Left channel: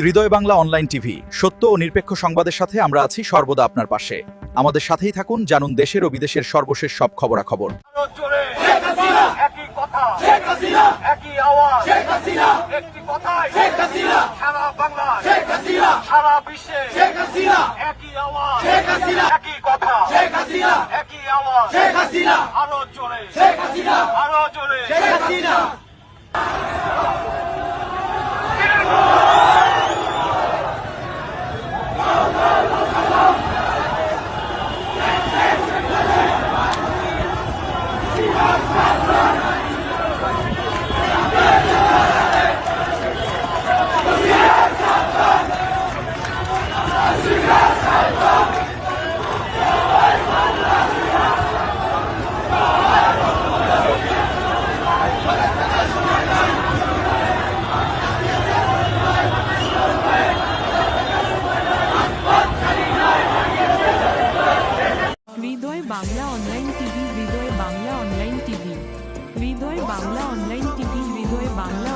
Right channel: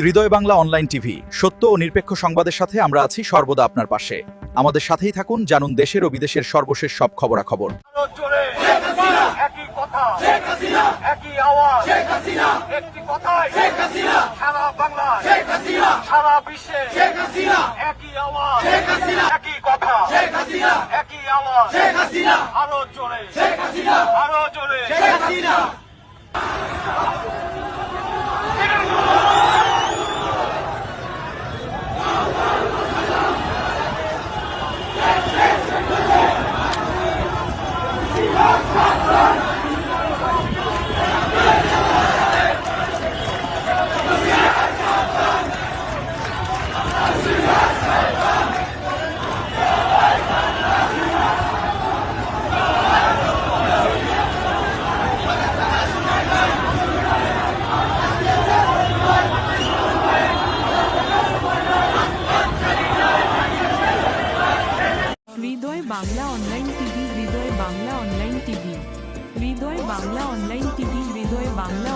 হৃদয় Bangla online TV, সত্য ও নিরপেক্ষ সংবাদের সাথে আমরা আছি সর্বদা আপনার পাশে। আমাদের সাথেই থাকুন, জানুন দেশের ও বিদেশের সর্বশেষ সব খবরাখবর। হৃদয় বাংলা অনলাইন টিভি, হৃদয় বাংলা অনলাইন টিভি, হৃদয় বাংলা অনলাইন টিভি, হৃদয় বাংলা